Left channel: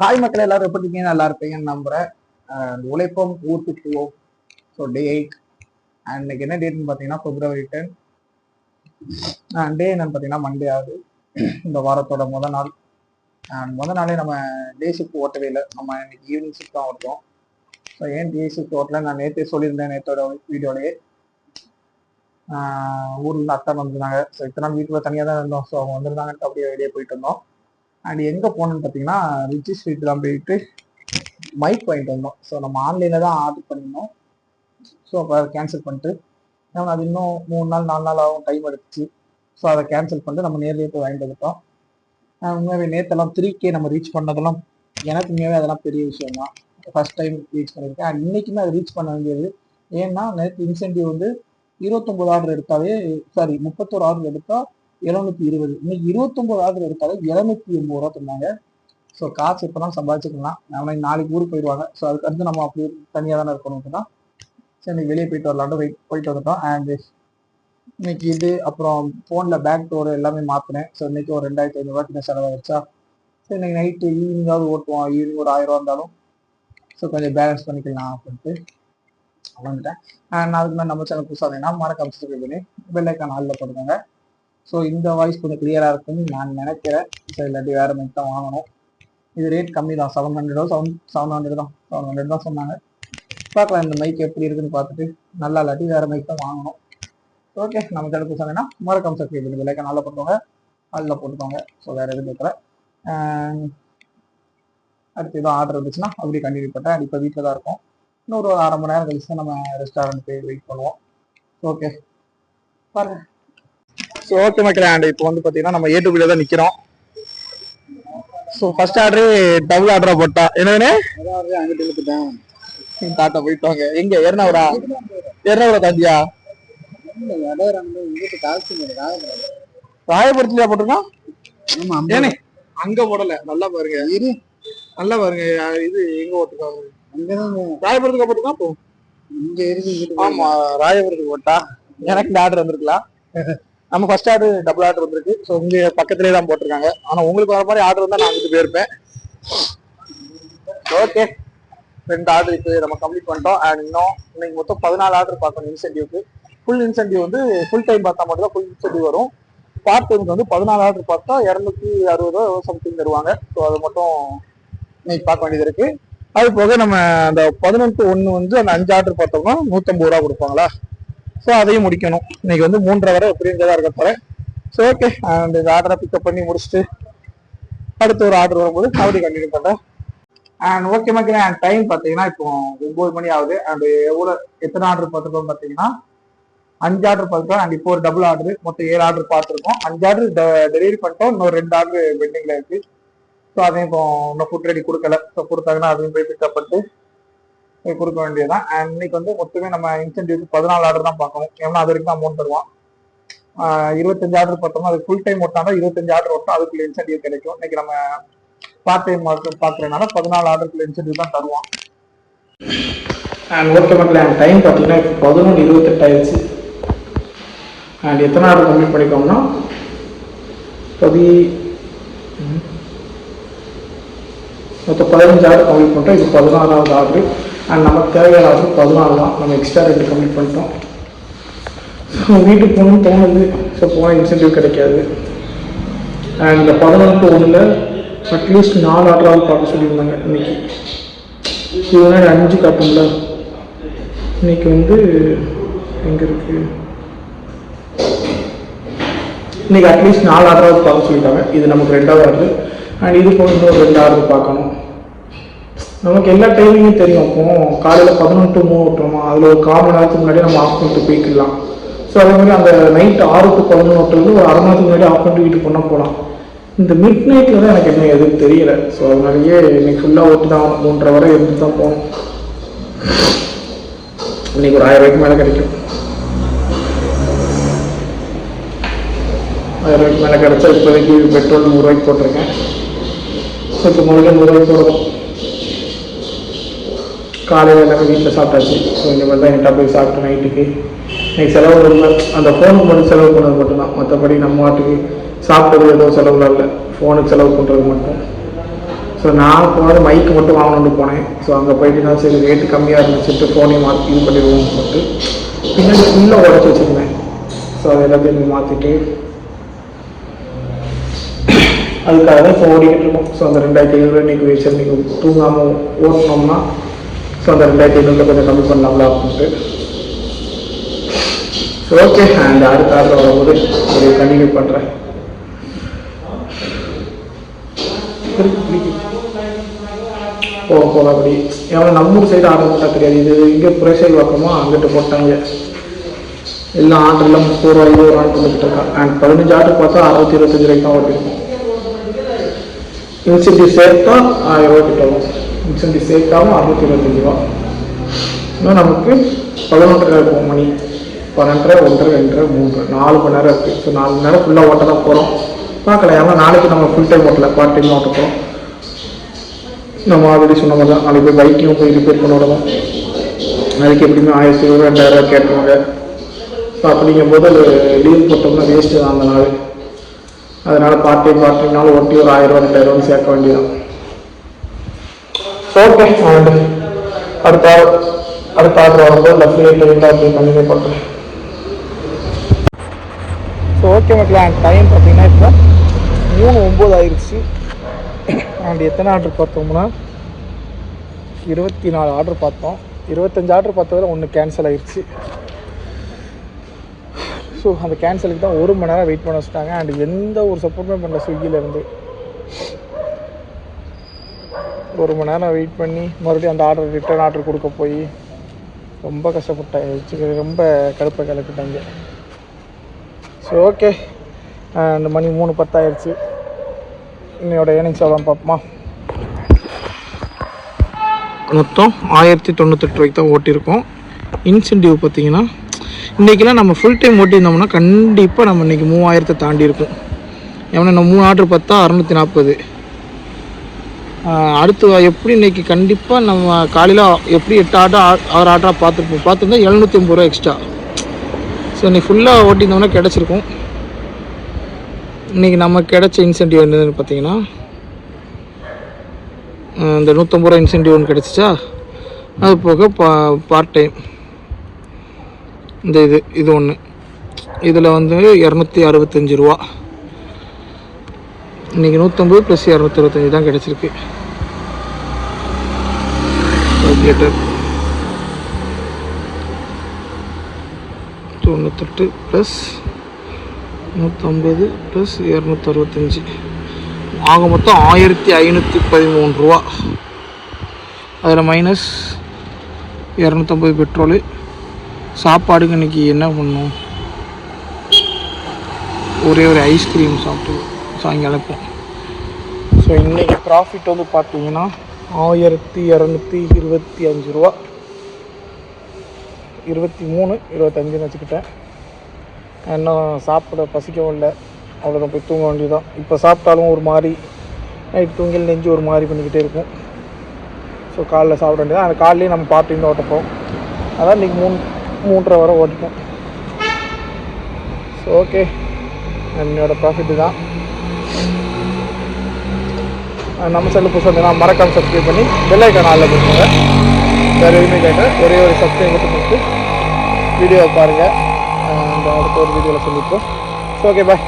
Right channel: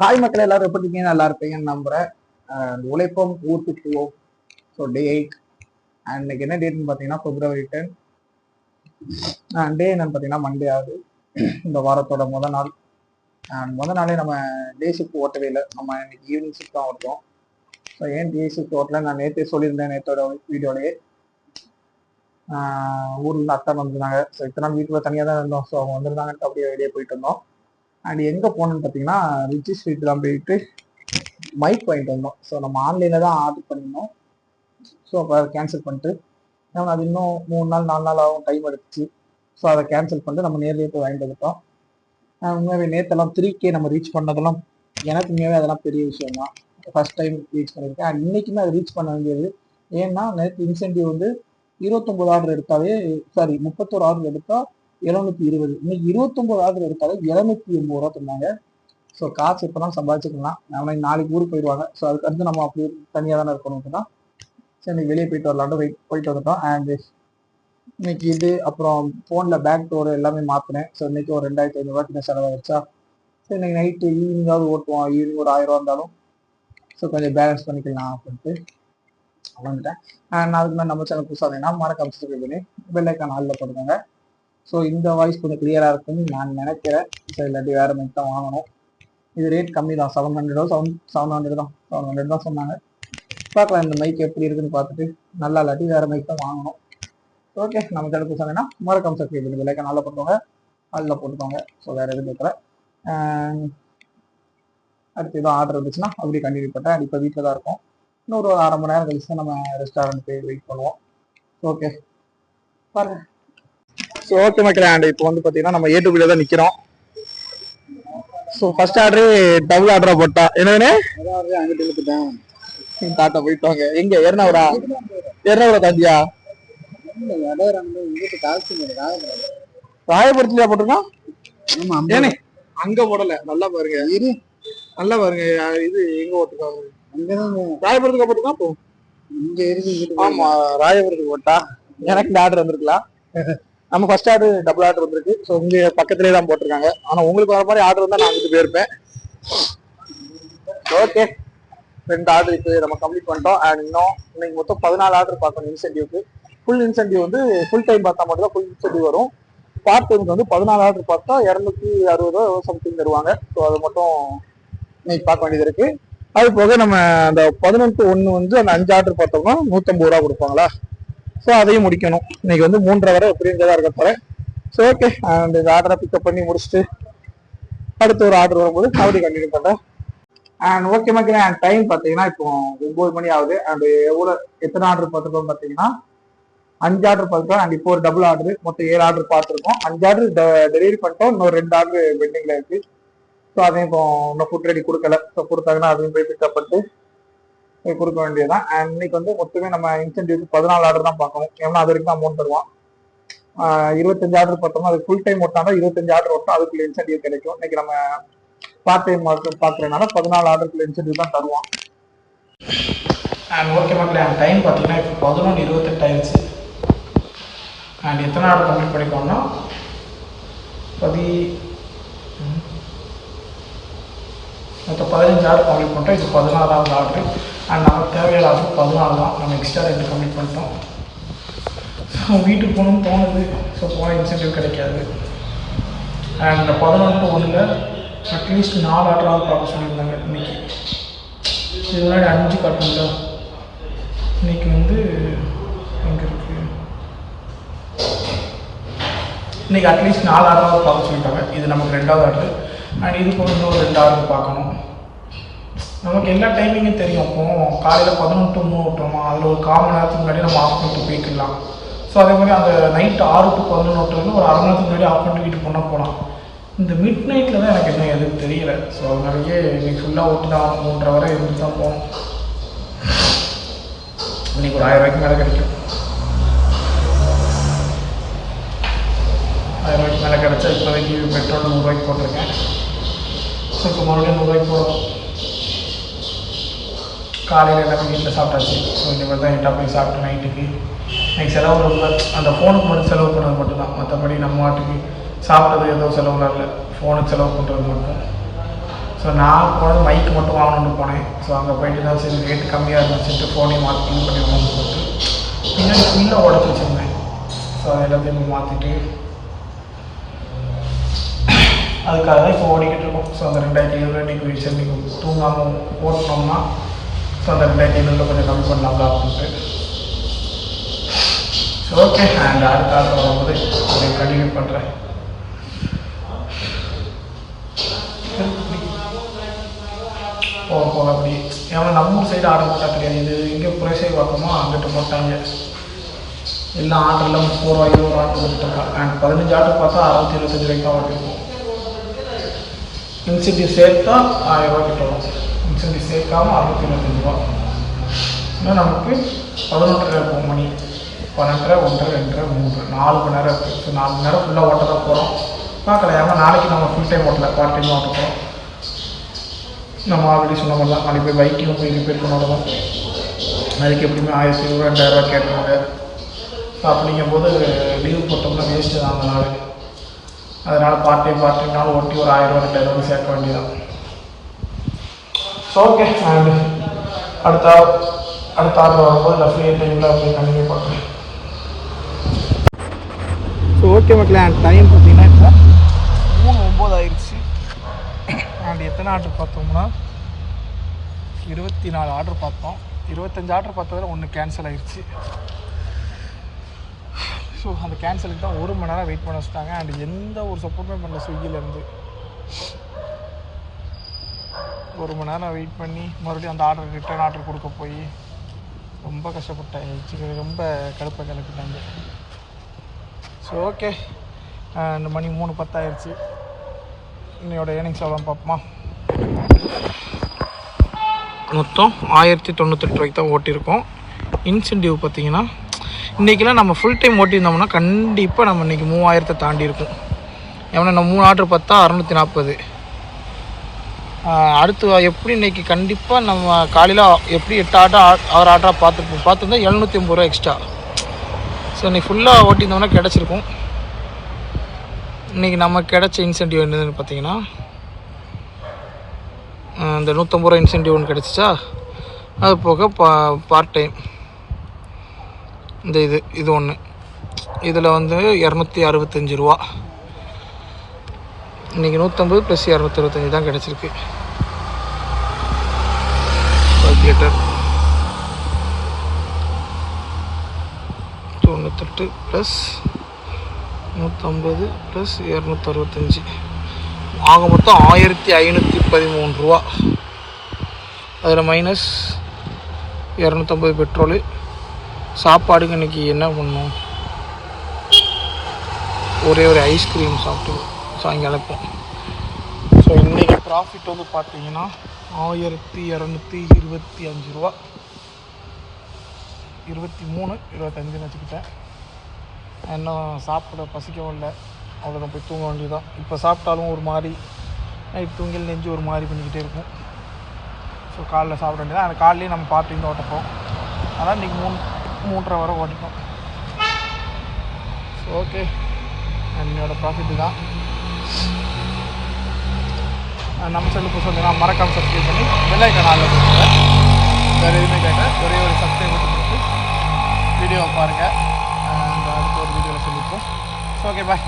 Hi மக்கள் எல்லாரும் எப்படி இருக்கீங்க? நல்லா இருப்பீங்கன்னு நம்புறேன். உழைப்போம் ஊருக்கு போவோம். ஸோ டே 8 அண்ட் இன்னைக்கு என்ன டேட்னு பார்த்தீங்கன்னா February 10. டே என்னன்னு பார்த்தீங்கன்னா மண்டே ஆகுது. இந்த வாரத்தோட முதல் நாள். அண்ட் முதல் நாளே நம்ம டே ஷிஃப்ட் ஓட்டவே இல்லை. நம்ம இன்னைக்கு ஈவினிங் ஷிஃப்ட் தான் ஓட்டுறோம். ஸோ ஏன் டே ஷிஃப்ட் ஓட்டல நான் நேற்றே சொல்லியிருந்தேன். நேற்றோட வீடியோலேயே ஊரில் அத்தை வந்துருந்தாங்க. ஸோ இத்தனை நாள் வீட்டில் தனியாக தான் இருந்தோம். ஸோ அவங்க வந்துருந்தாங்கன்ட்டு அப்படியே வெளியே போயிட்டு இருந்தோம். அண்ட் எங்கே போனோன்னு பார்த்தீங்கன்னா ரிச்சி ஸ்ட்ரீட் தான் போயிட்டு மைக் வாங்கிட்டு வந்தோம். ஸோ நம்ம ஆன்லைனில் தான் ஆர்டர் பண்ணியிருந்தோம். ஸோ அப்போ அதை கேன்சல் பண்ணிட்டு ஏன்னா அது இன்னும் 3 நாள் 4 நாள் ஆகும், டைம் எடுத்துச்சு. ஸோ அதை கேன்சல் பண்ணிட்டு நம்ம நேர்லேயே போய் வாங்கிட்டு வந்துட்டோம். உண்மையாகவே நேற்றெல்லாம் 3K நம்ம ரீச் பண்ணதெல்லாம் எனக்கு உண்மையாகவே அதெல்லாம் பெரிய விஷயம் தான். ஃபர்ஸ்ட் டைம் ரீச் பண்ணியிருக்கேன். அண்ட் இன்னைக்குமே அதை ரீச் பண்ண வேண்டியது. ஏன்னா நேற்று இன்சென்டிவ் வந்து 29 ஆர்டர் எடுத்தாலே 31 ஆர்டர் எடுத்தால் 720. இன்னைக்கு 29 ஆர்டர் எடுத்தாலே 780 ரூபா தந்தாங்க. ஸோ காசு இப்போதான் சம்பாதிச்சுக்கலாம். நம்ம நாளைக்கு ஊருக்கு போயிடுவாங்க. ஸோ அதுக்கு அடுத்து நம்ம அப்படி தனியாக தானே இருக்கணும் தான். சரி இன்னைக்கு வெளியே போயிட்டு வரலான்ட்டு போயிட்டு வந்துட்டோம். அண்ட் இன்னைக்கு இது அப்புறம் ஃபோனில் பேக் டோர் எல்லாமே மாற்றினேன். ஸோ இன்னைக்கு ஒரு 2500 ரூபாய்க்கு செலவாகிடுச்சா. ஸோ இன்னைக்கு நைட்டு ஈவினிங்காவது ஓட்டுவோம். ஈவினிங் ஒரு 1000 ரூபா இருந்தாலும் ஸோ கொஞ்சம் பேலன்ஸ் பண்ணிக்கலாம் அப்படின்ட்டு வந்துட்டேன். அண்ட் அதுக்கு மேலே நம்ம சேனல் புதுசாக இருந்தீங்கன்னா மறக்காம சப்ஸ்கிரைப் பண்ணி பெல் ஐக்கான் ஆல்ல போட்டுக்கோங்க. ஸோ இந்த வாய்ஸ் கொஞ்சம் கிளியராக இருக்குன்னு நான் நினைக்கிறேன். ஸோ இல்லாட்டி வேறு மைக் தான் வாங்கணும். இது ரேட் கம்மி தான், 700 தான் 700 தான் சொன்னாங்க. பார்க்கலாம் இந்த மைக் எப்படி இருக்குன்னு பார்த்துட்டு நல்லா இல்லாட்டி வேறு மைக் தான் வாங்கணும். ஓகே நம்ம சேனலுக்கு சொன்னீங்கன்னா மறக்காம சப்ஸ்கிரைப் பண்ணி பெல் ஐக்கான் நல்லா போட்டுக்கோங்க, ஆல்ல போட்டுக்கோங்க. ஸோ வேறு எதுவும் கேட்கல. அடுத்து எதுவும் ஆர்டர் இருந்துச்சுன்னா அப்படி கண்டினியூ பண்ணிட்டேன். இப்போ வீட்டில் தான் இருக்கும். இன்னொரு 1/2 மணி நேரம் கழிச்சு நம்ம ரெஸ்டாரண்ட் போய் வெயிட் பண்ணுவோம். ஓகே பாருங்க. ஸோ ஓகே மக்களே, அண்ட் இப்போ வந்து பார்த்தீங்கன்னா நம்ம ஏ2பில தான் நிற்கிறோம். ஸோ ஃபர்ஸ்ட் ஆர்டரு டபுள் ஆர்டரா போட்டா என்னன்னு அங்கிட்டு இழுத்துட்டேன். டாட்டா போயிட்டாங்க. எங்க எர்ணாவூரா தாண்டியா? ராயபுரத்துலயா போட்டிருக்கான்? ஏனே அங்க போடல. நல்லா பாருங்க, நல்லா பாருங்க. இது எங்க போட்டிருக்காங்க? ராயபுரத்துக்கு போட்டிருக்கான். இப்போ இங்க இருக்கு. ஆமா ராயபுரத்துக்கு போட்டா எனக்கு இந்த ஆர்டர் வந்திருக்கலாம். நம்ம ஃபர்ஸ்ட் ஆர்டர் டபுள் ஆர்டர் வந்திருக்கு. ஸோ இங்கே பக்கத்துலேயே தான் போட்டிருக்காங்க. ஆனால் உங்களுக்கு வர மாதிரி ஆர்டர் வந்தால் நான் வந்துட்டு போயிருப்பேன். ஓகே 2 ஆர்டர் இப்போ நம்ம கம்ப்ளீட் பண்ணிட்டோம். அண்ட் இன்னைக்கு மொத்தம் 14 ஆர்டர் பார்க்கணும் இன்சென்டிவ்க்கு. ஃபுல் இன்சென்டிவ் வந்து ஃபுல் டைம் பார்த்தா மட்டும் தான் ஃபுல் இன்சென்டிவ் வரும். பார்ட் டைமுக்கு வந்து 14 ஆர்டர் பார்த்தா 260 சம்திங் தருவாங்க. ஸோ அதை மட்டும் இன்னைக்கு பார்க்க வேண்டியது இருக்கு. அது போக நம்ம அந்த 11/1 வந்து அந்த 5 ஆர்டர் பார்த்தோம்னா 150 ரூபா கொடுப்பாங்களா. ஸோ அதையும் முடிக்கணும். இன்னைக்கு வந்து 3:30 வரை எப்படின்றதா இருக்க போறேன். ஸோ ஓகே அண்ட் இந்த ஆர்டரை பிக்கப் பண்ணி முடிச்சுட்டு அடுத்த ஒரு ஆர்டர் வரும்போது அப்படி கண்டினியூ பண்ணுறேன். அண்ட் ஓகே மக்களே, அண்ட் டைம் பார்த்தீங்கன்னா இப்போ 9 மணி ஆகுது. அண்ட் எத்தனை ஆர்டர் பார்த்துருக்கோம் பார்த்தீங்கன்னா 5 ஆர்டர் பார்த்துருக்கோம். அண்ட் இப்போ ஒரு டபுள் ஆர்டர் மொத்தம் 7 ஆர்டர் பார்த்துருக்கோம். 5 ஆர்டர் டெலிவரி பண்ணிட்டோம். இன்னொரு 2 ஆர்டர் பெண்டிங்ல இருக்கு. ஸோ அதையும் இப்போ இன்னும் ஃபுட் ரெடி கொடுக்கல. ஸோ கொடுத்தாங்கன்னா அதையும் போய் பிக்கப் பண்ணிட்டு கொடுக்க வேண்டியதுதான். அண்ட் இன்னைக்கு வந்து மொத்தமே நம்ம இன்சென்டிவ்க்கு 14 ஆர்டர் தான் பார்க்கணும். ஏன்னா அது வரைக்கும் அமௌண்ட் தருவான். 25 ஆர்டர் பார்த்தோம்னா அது ஃபுல் டைம் ஓட்டினா 25 ஆர்டர் ஓட்டும், அதுக்குள்ள இன்சென்டிவ் கிடைக்கும். இன்னைக்கு நம்ம பார்ட் டைம் பார்க்குறதுனால 14 ஆர்டருக்குள்ள இன்சென்டிவ் தான் தருவான். அண்ட் ஓகே மக்களே, அண்ட் டைம் பார்த்தீங்கன்னா இப்போ 11:28 ஆயிடுச்சு. அண்ட் எத்தனை ஆர்டர் கம்ப்ளீட் பண்ணிக்கோம்னா மொத்தம் 15 ஆர்டர் கம்ப்ளீட் பண்ணிட்டோம். இது 14வது ஆர்டர். அண்ட் நமக்கு தேவையான ஆர்டர் 14 தான். நம்ம எக்ஸ்ட்ரா 2 கம்ப்ளீட் பண்ணிட்டோம். ஸோ வீட்டுக்கு போகணும்னு தோணுது. ஸோ போனால் இன்சென்டிவ் கிடைக்காது. அண்ட் இந்த 11/1 அட்லீஸ்ட் 4 ஆர்டராவது பார்க்க சொல்லியிருந்தாங்க இன்னைக்கு. இது முன்னாடி 5 காட்டும்ல. இன்னைக்கு வந்து எங்கே இருக்கு? இன்னைக்கு அட்லீஸ்ட் 4 ஆர்டராவது பார்க்க சொல்லிட்டாங்க. இது நமக்கு 2வது ஆர்டர். அண்ட் இது போக இன்னொரு 2 ஆர்டர் பார்க்கணும். நமக்கு எல்லா டைமிங்கும் தெரியும். இப்போ காலையில் 11 to 3 விட்டுறோமா, அதில் ஒரு 1/4 மணி நேரத்துக்கு முன்னாடி நம்ம ஆஃப் பண்ணிட்டு போய்க்கலாம். ஸோ அதே மாதிரி அந்த நைட் 6 to 11 விட்டுறது ஒரு 1/2 மணி நேரத்துக்கு முன்னாடி ஆஃப் பண்ணிட்டு வீட்டுக்கு பண்ணால் போகலாம். இந்த மிட் நைட்டில் தான் எனக்கு என்ன எதுவும் தெரியல. ஸோ அதனாலேயே இன்னைக்கு ஃபுல்லாக ஓட்டு தான் 3:30 வரை இருந்து தான் போகணும். இன்னைக்கு ஒரு 1000 ரூபாய்க்கு மேலே கிடைக்கும். 1000 ரூபாய்க்கு மேலே கிடைச்சா இப்போதைக்கு பெட்ரோல் 100 ரூபாய்க்கு போட்டிருக்கேன். ஸோ இப்போ முதல்ல 100 ரூபாய்க்கு போடுவோம். காலையில் எல்லாமே வீட்டில் சாப்பிட்டாச்சு. ஸோ இந்த மாதிரி தான் என்கிட்ட போய் சாப்பிட்டு நைட்டுக்கு இன்னைக்கு செலவு இல்லை. அந்த ஃபோனுக்கு மட்டும் செலவு பண்ணது மட்டும்தான். மற்றபடி நம்ம வாட்டுக்கு சாப்பிட்டது ஏதோ செலவுலாம் இல்லை. ஃபோனுக்கு செலவு பண்ணுறது மட்டும். ஸோ நான் போனது மைக்கு மட்டும் வாங்கணும்னு போனேன். ஸோ அங்கே போயிட்டு தான் சரி ரேட்டு கம்மியாக இருந்துச்சுட்டு ஃபோனையும் மாற்றி இது பண்ணிடுவோம்னு சொல்லிட்டு பின்னாடி ஃபுல்லாக உடச்சி வச்சுருந்தேன். ஸோ அது எல்லாத்தையும் மாற்றிட்டு அதுக்காக தான் இப்போ ஓடிக்கிட்டு இருக்கோம். ஸோ அந்த 2500 இன்றைக்கி வச்சு இன்றைக்கி தூங்காமல் ஓட்டினோம்னா ஸோ அந்த 2500 கொஞ்சம் கம்மி பண்ணலாம்ல அப்படின்ட்டு. ஸோ ஓகே, அண்ட் அடுத்த ஆர்டர் வரும்போது ஒரு கண்டினியூ பண்ணுறேன். போக அப்படி ஏன்னா நம்ம ஊர் சைடு ஆர்டர் போட்டால் தெரியாது. இது இங்கே புரேசை பக்கமாக அங்கிட்டு போட்டாங்க. எல்லா ஆர்டர்லாம் 30 ரூபா 20 ரூபான்னு கொடுத்துட்டு இருக்கான். அண்ட் 15 ஆர்டர் பார்த்தா 625 ரூபாய்க்கு தான் ஓட்டிருக்கோம். இன்சென்டிவ் சேர்த்தா 1000 ரூபா கிட்ட வரும். இன்சென்டிவ் சேர்க்காம 625 ரூபா. இன்னும் நமக்கு 11:30 இருக்கும் மணி. 12:30 1:30 2:30 3 4 மணி நேரம் இருக்குது. ஸோ 4 மணி நேரம் ஃபுல்லாக ஓட்ட தான் போகிறோம். பார்க்கலாம். ஏன்னா நாளைக்கு நம்ம ஃபுல் டைம் ஓட்டல, பார்ட் டைம் ஓட்ட போகிறோம். நம்ம ஆல்ரெடி சொன்ன மாதிரி தான் நாளைக்கு போய் பைக்கையும் போய் ரிப்பேர் பண்ண விடணும். நாளைக்கு எப்படியுமே 1000 2000 கேட்டுருவாங்க. ஸோ அப்படிங்கும்போது அது லீவ் போட்டோம்னா வேஸ்ட்டு தான் அந்த நாள். அதனால் பார்ட் டைம்னாலும் ஓட்டி ஒரு 1000 ரூபா 2000 ரூபான்னு சேர்க்க வேண்டியதான். ஸோ ஓகே, அடுத்த ஆர்டர் வரும்போது லெஃப்ட் ரைட்டில் அப்படின்னு கண்டினியூ பண்ணுறேன். ஸோ ஓகே மக்களே, டைம் பார்த்தீங்கன்னா இப்போ 3:09 ஆயிடுச்சு. அண்ட் எத்தனை ஆர்டர் பார்த்தோம்னா 24 ஆர்டர் பார்த்தோம். 25 ஆர்டர் பார்த்ததில் 1 கேன்சல் ஆயிடுச்சு. ஸோ அந்த கேன்சலுக்கு தான் 1 மணி நேரம் வெயிட் பண்ண வச்சுட்டாங்க. அண்ட் எந்த ஒரு சப்போர்ட்டுமே பண்ணல ஸ்விக்கிலேருந்து. 1 மணி நேரம் வெயிட் பண்ணி மறுபடியும் அந்த ஆர்டர் ரிட்டர்ன் ஆர்டர் கொடுக்க போய் ரொம்ப கஷ்டப்பட்டேன். ரொம்ப கடுப்பை கிளப்பிட்டாங்க. ஸோ ஓகே, அந்த மணி 3:10 ஆயிடுச்சு. என்னோட ஏர்னிங்ஸ் எவ்வளோ பார்ப்போமா. மொத்தம் 1098 ரூபாய்க்கு தான் ஓட்டியிருக்கோம். இன்சென்டிவ் பார்த்தீங்கன்னா இன்றைக்கெல்லாம் நம்ம ஃபுல் டைம் ஓட்டியிருந்தோம்னா கண்டிப்பாக நம்ம இன்றைக்கி 3000 தாண்டி இருக்கும். ஏன்னா நம்ம 3 ஆர்டர் பார்த்தா 640. அடுத்து எப்படி இன்றைக்கி கண்டிப்பாக நம்ம காலையில் எப்படி 8 ஆர்டர் 6 ஆர்டராக பார்த்துருந்தா 750 ரூபா எக்ஸ்ட்ரா. ஸோ இன்றைக்கி ஃபுல்லாக ஓட்டியிருந்தோம்னா கிடச்சிருக்கும். இன்றைக்கி நமக்கு கிடச்ச இன்சென்டிவ் என்னதுன்னு பார்த்தீங்கன்னா இந்த 150 ரூபா இன்சென்டிவ் ஒன்று கிடச்சிச்சா. அது போக பார்ட் டைம் இந்த இது ஒன்று, இதில் வந்து 265 ரூபா. இன்றைக்கி 150 + 265 தான் கிடச்சிருக்கு. 98 + 150 + 265 ஆக மொத்தம் 1513 ரூபா. அதில் மைனஸ் 250 பெட்ரோலு. சாப்பாடுக்கு இன்றைக்கி என்ன பண்ணோம், ஒரே ஒரு ஐஸ்கிரீம் சாப்பிட்டு சாயங்காலம். ஸோ இன்றைக்கி ப்ராஃபிட் வந்து பார்த்தீங்கன்னா 1225 ரூபா. 23 25 வச்சுக்கிட்டேன். இன்னும் சாப்பிட பசிக்கவும் இல்லை. அவ்வளோதான், போய் தூங்க வேண்டியதுதான். இப்போ சாப்பிட்டாலும் ஒரு மாதிரி நைட் தூங்கல் நெஞ்சு ஒரு மாதிரி பண்ணிக்கிட்டே இருக்கும். ஸோ காலைல சாப்பிட வேண்டியதான். அந்த காலையிலேயே நம்ம பார்ட் டைம் ஓட்டப்போம். அதான் இன்றைக்கி 3:30 வரை ஓட்டிப்போம். ஸோ ஓகே, என்னோடய ப்ராஃபிட்டு தான். நம்ம சேனல் புதுசாக இருந்தீங்கன்னா மறக்காமல் சப்ஸ்கிரைப் பண்ணி பெல் ஐக்கான் ஆல்ல கொடுங்க. வேறு எதுவுமே கேட்க ஒரே ஒரு சப்ஸ்கிரைப் மட்டும் கொடுத்து வீடியோவை பாருங்கள். அடுத்த ஒரு வீடியோவில் சந்திப்போம். ஓகே, பாய்.